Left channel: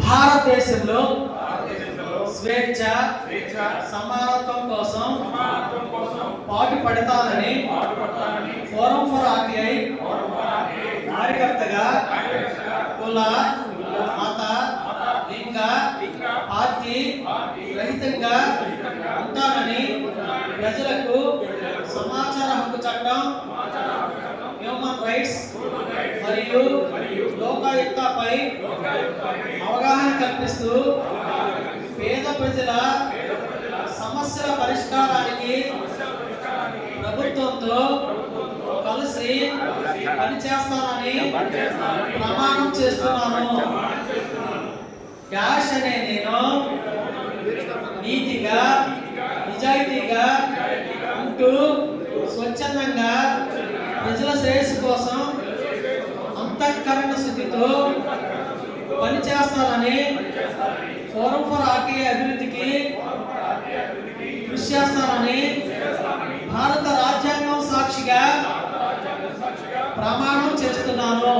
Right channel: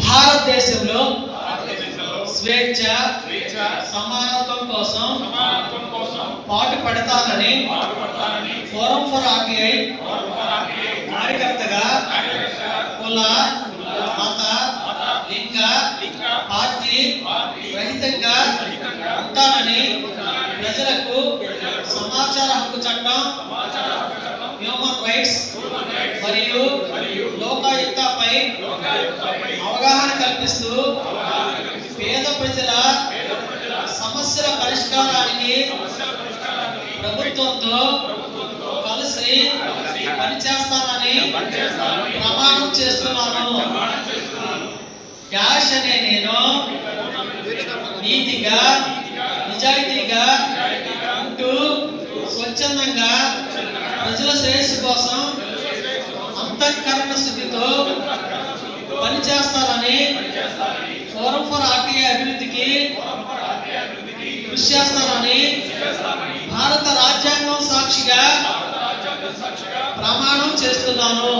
భారతదేశంలో స్వేచ్ఛ సమానత్వం కోసం పాటు పడతానని ఫోరం ఫర్ ఆర్టీఐ కార్యకర్తగా కుల మత లింగ పార్టీ రహితంగా ఉంటానని ప్రజలకు సమాచార హక్కు చట్టం హ్యూమన్ రైట్స్ మరియు అవగాహన కల్పిస్తూ పేద ప్రజల సమస్యల పరిష్కారానికి ప్రభుత్వంతో కలిసి పనిచేస్తానని ప్రమాణం చేస్తున్నాను. డాష్ అనే నేను నీతిగా నిజాయితీగా ఉంటూ స్వచ్ఛందంగా ప్రజల శ్రేయస్సు కోసం అంతఃకరణ స్థితితో పనిచేస్తానని ఫోరం ఫర్ ఆర్టీఐ అభివృద్ధికి కృషి చేస్తానని భారత రాజ్యాంగం సాక్షిగా ప్రమాణం చేస్తున్నాను.